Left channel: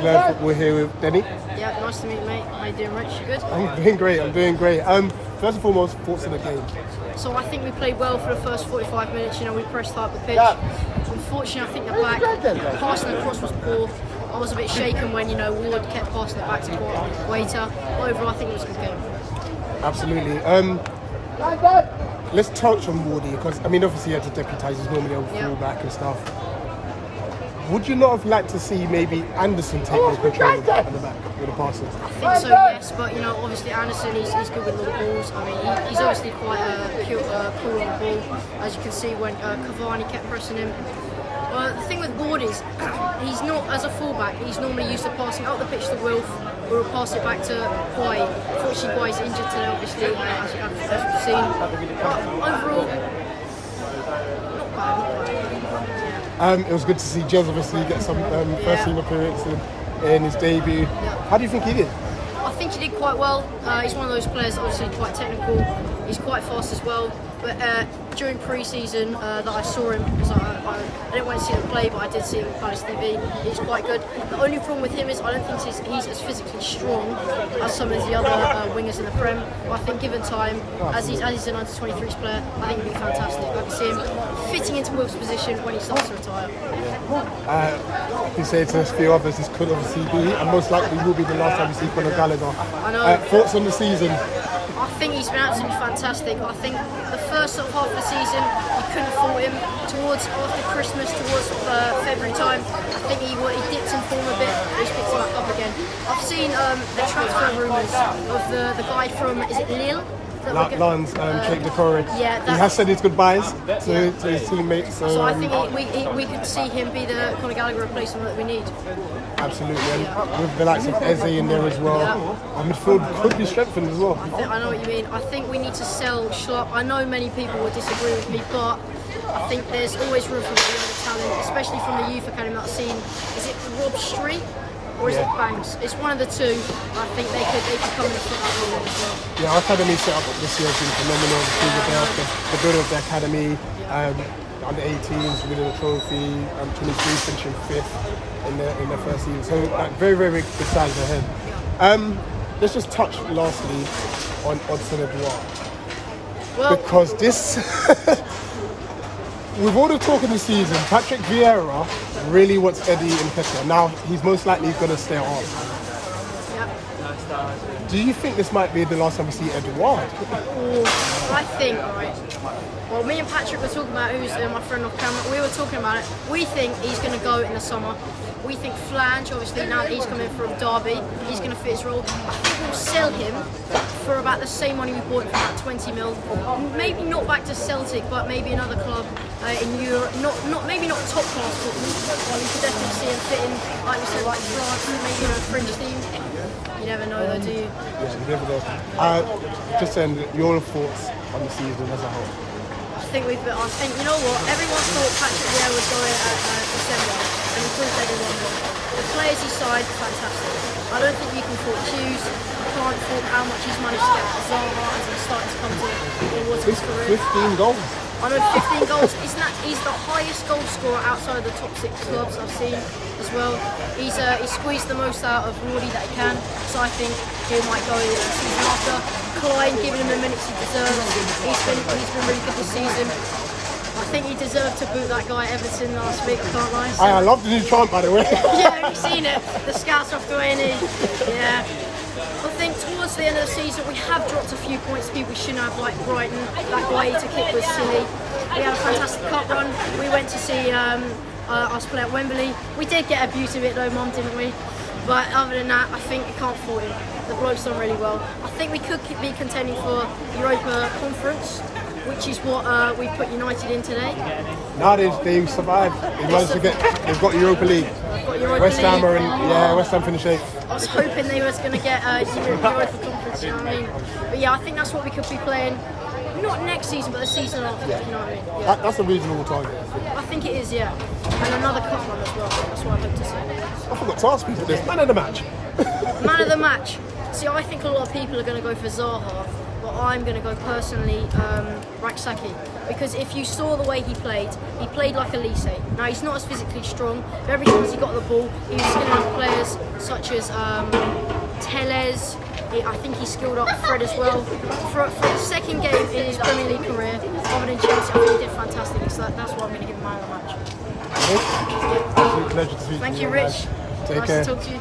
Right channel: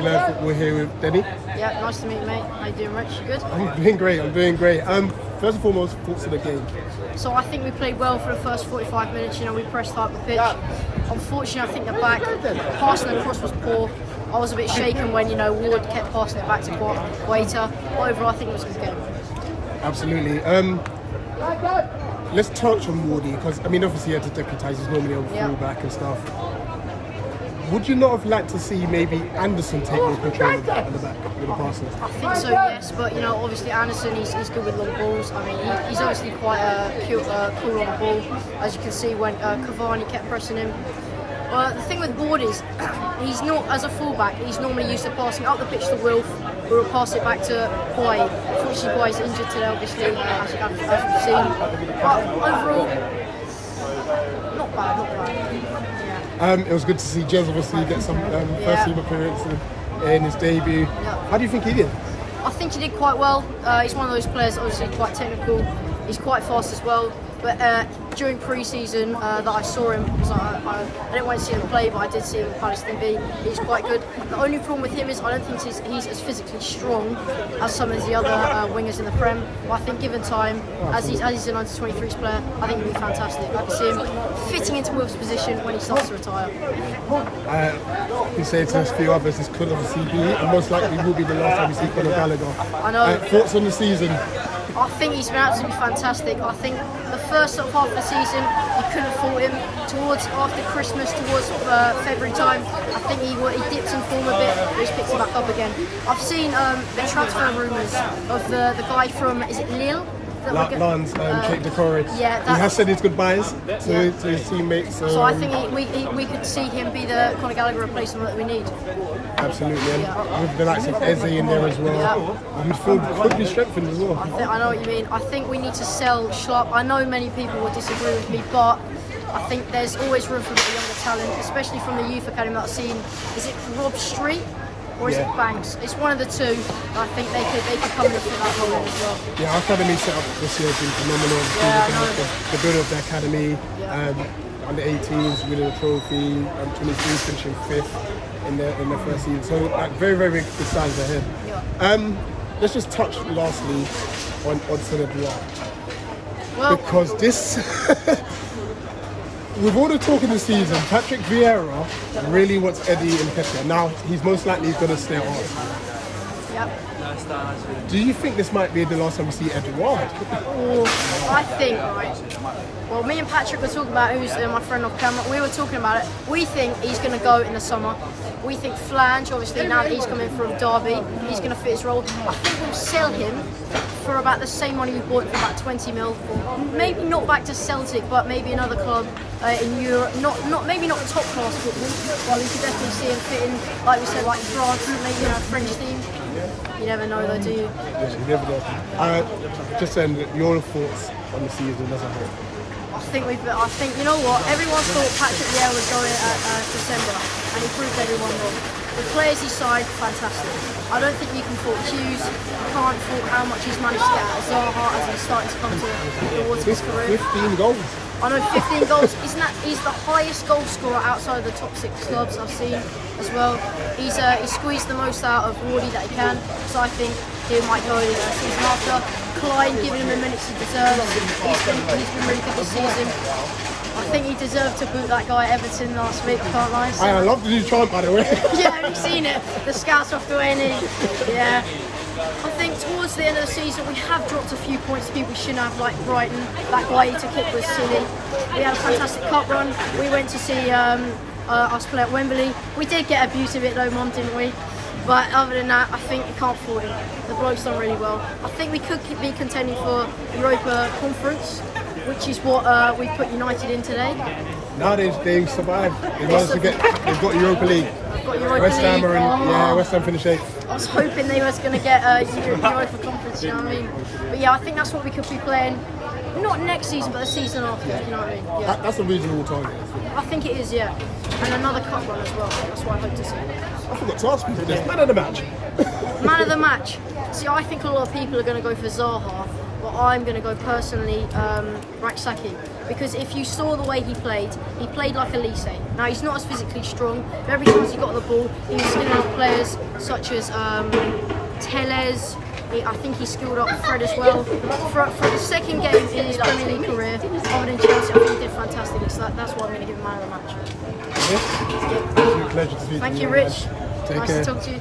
We've Learned Football here with Denny. Yeah, nice to meet you, mate. How you doing, Rich? You good? I'm doing great. First and foremost, thoughts of the game. So I think we played well for the first 45 minutes. You know, we pressed hard up the pitch. Unfortunately, I think the back passing across was poor. I was a bit shaken when, Ward kept passing it back to Guaita. But overall, I think it was a good game. Absolutely. Let's touch on Wardy, because, obviously he had to deputise, he's normally a full-back and stuff. Would you not have liked to see maybe Anderson take more control at the back with the passes? I think so, yes. But, obviously Anderson, he's good with long balls. He's obviously quite cool on the ball, as you can see when Cavani kept pressing him. Well, the thing with Ward is, he's not, as a fullback, he's normally used to passing up the pitch to Wilf, who will pass it back to Guai. Unfortunately, Guai's injured today, obviously, as we've seen. But overall, not bad. Yeah. It was good to see Jez obviously get some first team appearance in his debut. Yeah. How do you think he did? I think he did quite well. He's one of those players, obviously quite technical. He's quite fast as well. But during pre-season that I saw him, because I didn't want to see him play, but I did see him on Palace TV. He's quite good. The only problem with him is I don't think he's as physically strong as some of the other wingers in the Prem. But I think given time, as he's an under-23s player, I think he'll be fantastic. I can see him fitting into Wilf's position when he starts to retire. You say to a few others, this could obviously be, and most likely will be the last time we see Conor Gallagher. I know. Thoughts on the season? I think he's been absolutely fantastic. I think the first half of the season, you couldn't fault him. After Christmas, towards February time, I think he dipped in form a bit, but he's picked it back up again. I've seen the transfer rumours of the guy from, is it Lille? Lens, Kate Decore. Yeah, he has said his goodbyes to his teammates. So I think we could see him be the Conor Gallagher replacement that we need. Absolutely, and with the likes of Eze in there as well, our midfield could be strengthened as well. I know what you mean. I think we need to sell Schlupp. I know many people will disagree with me, but I think there's always room for a bit of younger talent, especially from the youth academy that I've seen. Is it Rob Street or is it Banks? It's one of the two. I think they could come in and fit that role in as well. Yeah, our academy set up this year has been phenomenal. The building of the academy, under 18s winning a trophy, 23 finishing 5th. In the first season, so very, very big signs ahead. Let's just touch lastly on Odson Edouard. Well, because this, with all the talk in the season, Patrick Vieira really wants Eddie Nketiah. Now he's most likely going to stay at Arsenal. Yeah. Do you think this might be the last time we see Edouard? I think, right. Well, me and Patrick were talking about, who's my friend off camera, we were talking about it. We think he's going to go in the summer. We think Flange, obviously now that he's coming from Derby, he's going to fit his role. I think we'll sell him for about the same money we bought him for, about 20 mil. Maybe not back to Celtic, but maybe another club in Europe. Maybe not top class football, but we could definitely see him fitting, like we said, like France, maybe a French team. You never know though, do you? Yeah, you never know. Just saying, your thoughts on the season as a whole? I think, you know what, everyone thought Patrick Vieira would go in at December, and he proved everyone wrong. The players he signed, fantastic. I don't think you can fault Hughes, you can't fault how much he's managed to get out of Zaha as he's starting to come to the water of his career. 15 goals. I know, 15 goals. He's the highest goal scorer outside of the top 6 clubs I've seen as well. He's squeezed the most out of Wardy that he can, so I think he might go season after. Klein giving him the minutes he deserves. He's been really good this season. I think he deserved to boot that guy at Everton last week, I can't lie. So. I love the new chant, by the way. Yeah, have you seen it? The scouts off the way and yeah. I think towards the end of the season we have dropped a few points to people we shouldn't have, like Brighton. That Guaita kick was silly. We had a fantastic cup run. We went to see us play at Wembley. We did get abused a bit though, Mum, didn't we? But other than that, I think you can't fault him. The bloke's done really well. I think we could be contending for Europa Conference, which is what we put United in today. Now they've survived. They've got Europa League. They've got Europa West Ham League. West Ham finished 8th. I was hoping they was going to get Europa Conference, you know what I mean? But yeah, I think that's what we could be playing. Not next season, but the season after, you know what I mean? Yeah. That's a reasonable target. I think it is, yeah. And another cup run as well. That's what I hope to see. I forgot to ask people this. Man of the match. Man of the match. See, I think a lot of people are going to go for Zaha. but I'm going to go personally Raksaki, because if you saw the way he played like a Lise. Now he's not as physically strong, but every time he got the ball, he was skilling out players such as Teles. I think he skilled up Fred as well. For the second game in his Premier League career, other than Chelsea, I think he did fantastically. So that's why I'm going to give him man of the match. Yeah. Absolute pleasure to see you. Thank you, Rich. Take Nice care. to talk to you.